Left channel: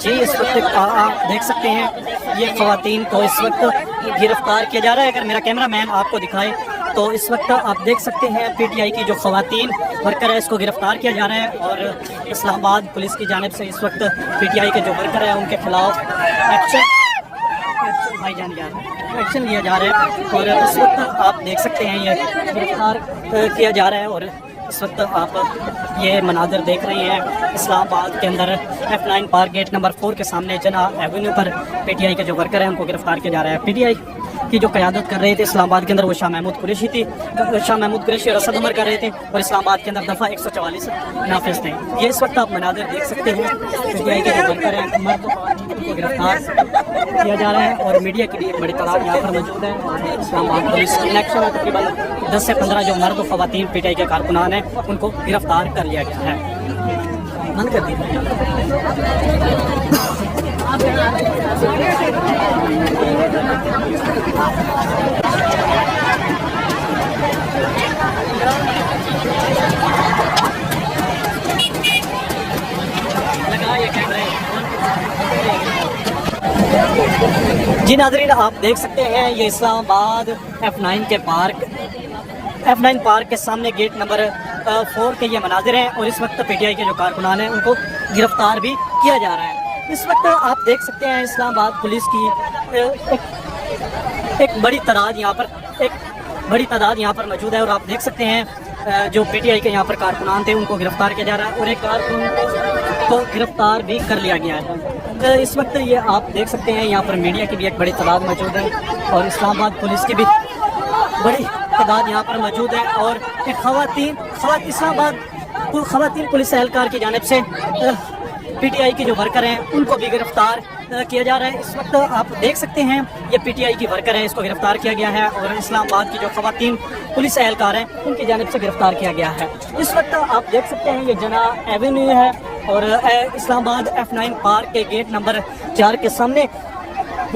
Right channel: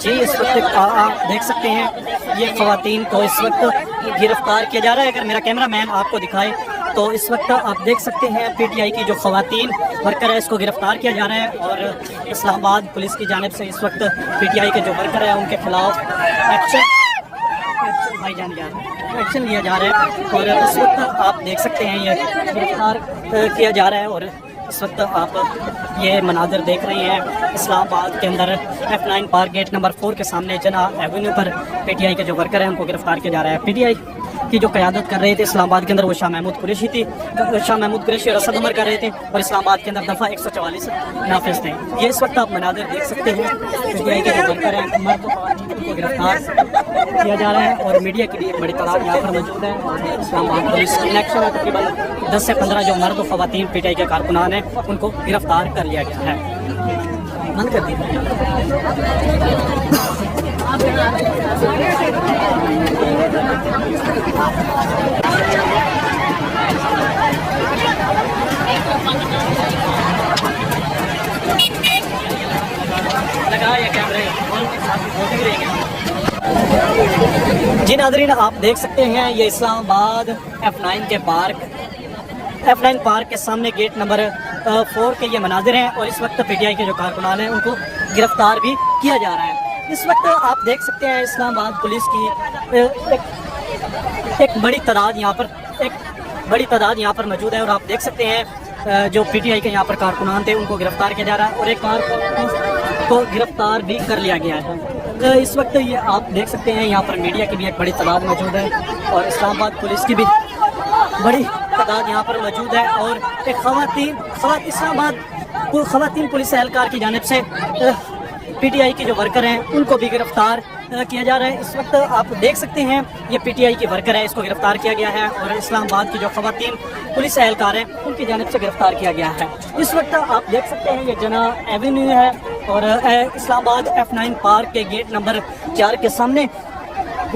जी इस वक्त आप देख सकते हैं ये ख़वातीन को इस वक्त गिरफ्तार किया जा रहा है। अगर मेरा कैमरा मैन आपको दिखाए तो इस वक्त आप देख सकते हैं पीटीआई की जो ख़वातीन वर्कर है इसको गिरफ्तार किया जा रहा है और इस्लामाबाद पुलिस की जानिब से इस वक्त पीटीआई के जो वर्कर है उनके खिलाफ एक्शन लिया जा रहा है। और इस वक्त आप देख सकते हैं ये गिरफ्तार किया जा रहा है और इस वक्त आप ये मनाज़र देख रहे हैं इस्लामाबाद के अंदर F9 पार्क गेट नंबर 4 के सामने जना एवेन्यू पर पीटीआई के जो वर्कर हैं उनको गिरफ्तार किया जा रहा है। पीटीआई की जो क़यादत कर रहे थे इस्लामाबाद के अंदर वो शाह महमूद कुरैशी थी। शाह महमूद कुरैशी और असद उमर कर रहे थे और इस्लामाबाद के अंदर दफ़ा 144 नाफिज थे। ये इस वक्त आप मनाज़र देख सकते हैं पीटीआई के जो वर्कर हैं मर्द उनको गिरफ्तार किया जा रहा है और मीडिया की भी एक बड़ी तादाद यहाँ पर मौजूद है। इस्लामाबाद पुलिस इलेक्शन में तकरीबन 10 से 15 जो मर्द ख़वातीन पीटीआई के कारकुनान हैं उनको गिरफ्तार कर लिया गया है। बंद कर दीजिए। जी नाज़रीन आप देख सकते हैं ये इस्लामाबाद F9 पार्क के सामने गेट नंबर 4 के ये मनाजिर हैं और इस वक्त पीटीआई के जो कारकुनान हैं उनको गिरफ्तार भी किया जा रहा है। इस वक्त आप देख सकते हैं इस्लामाबाद पुलिस की एक बड़ी तादाद यहाँ पर मौजूद है और आप देख सकते हैं जो पीटीआई के यहाँ पर कारकुनान थे उनको गिरफ्तार किया जा रहा है और एक कारकुन को गिरफ्तार भी कर लिया गया है। इस वक्त ये आप देख सकते हैं यहाँ पर मीडिया की भी एक बड़ी तादाद मौजूद है और इस्लामाबाद पुलिस की भी बड़ी तादाद यहाँ पर मौजूद है और एक इस्लामाबाद ख़वातीन पुलिस एहलकार की जानिब से पीटीआई के जो वर्कर हैं उनको भी गिरफ्तार किया जा रहा है। इस वक्त आप देख सकते हैं ये पीटीआई की वर्कर है इसको गिरफ्तार किया गया है और इस्लामाबाद की जो ख़वातीन पुलिस एहलकार हैं उनकी जानिब से गिरफ्तार किया गया है। इस वक्त आप देख सकते हैं ये जना एवेन्यू है और इस्लामाबाद F9 पार्क के गेट नंबर 4 के सामने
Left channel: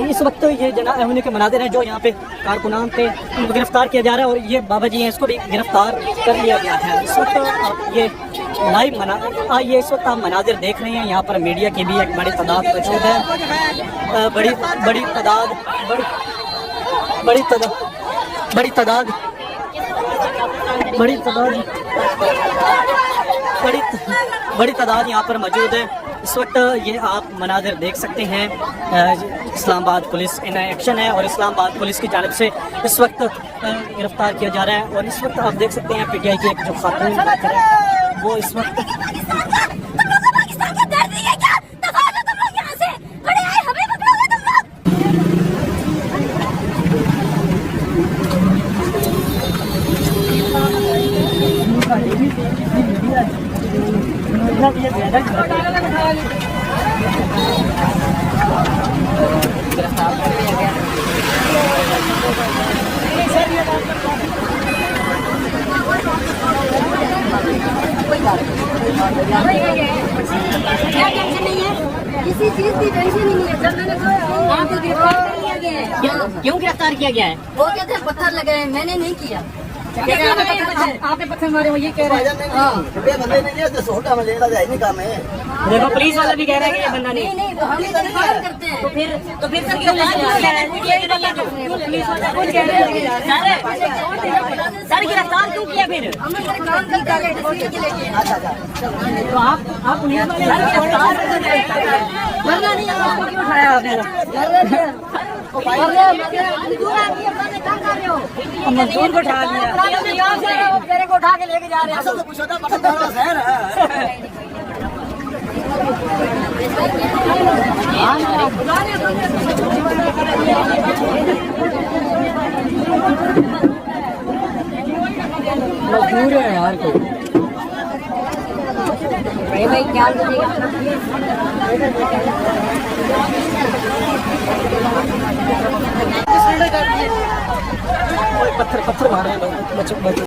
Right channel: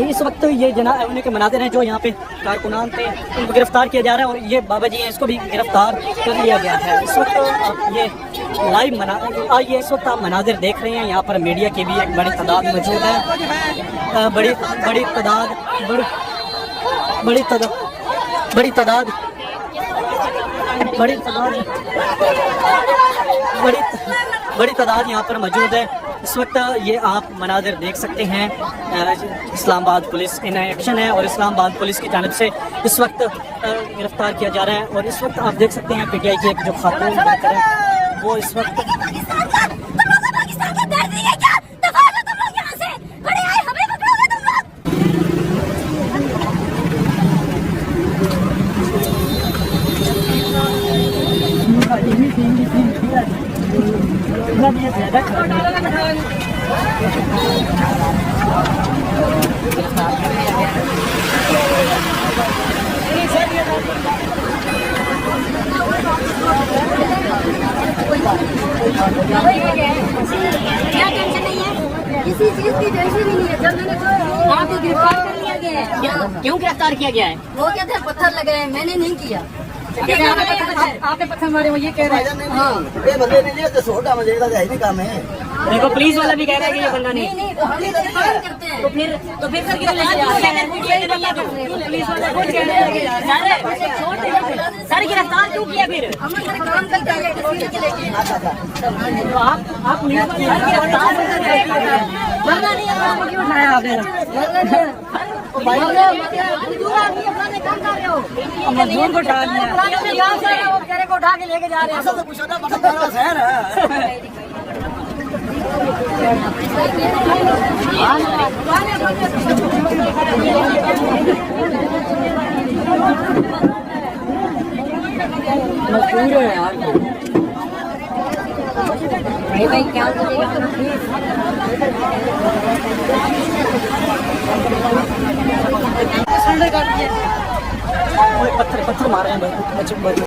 इस वक्त ये जना एवेन्यू के मनाजिर हैं जो यहाँ पे कारकुनान थे उनको गिरफ्तार किया जा रहा है और ये बाबा जी हैं इसको भी गिरफ्तार कर लिया गया है। इस वक्त आप ये लाइव इस वक्त आप मनाजिर देख रहे हैं यहाँ पर मीडिया की भी एक बड़ी तादाद मौजूद है। बड़ी तादाद यहाँ पर मौजूद है। इस वक्त ये आप मनाजिर देख सकते हैं इस्लामाबाद पुलिस इन एक्शन है और इस्लामाबाद पुलिस की जानिब से इस वक्त गिरफ्तार किया जा रहा है और इस वक्त आप देख सकते हैं पीटीआई की एक जो खातून वर्कर है वो इस वक्त क्या टेंशन नहीं है, किसी चीज की टेंशन नहीं है। जब मैंने आपको गिरफ्तार किया गया है, क्यों गिरफ्तार किया गया है? वो कहते हैं पत्थर लगे, मैंने नहीं किया। आपने पत्थर मारे, वो ये कह रहे हैं। हाँ देखो पुलिस वाला भी कह रहा है कि ये बंदा नहीं तो हम करते हैं तो फिर सर गिरफ्तार क्यों किया? फिर हम काम करते हैं तो आप क्यों उठाया आपने? मजदूर को उठा लिया, को उठा के लेके जा रहे हैं। मजबूर है यार भाई क्या पत्थर मारे हैं।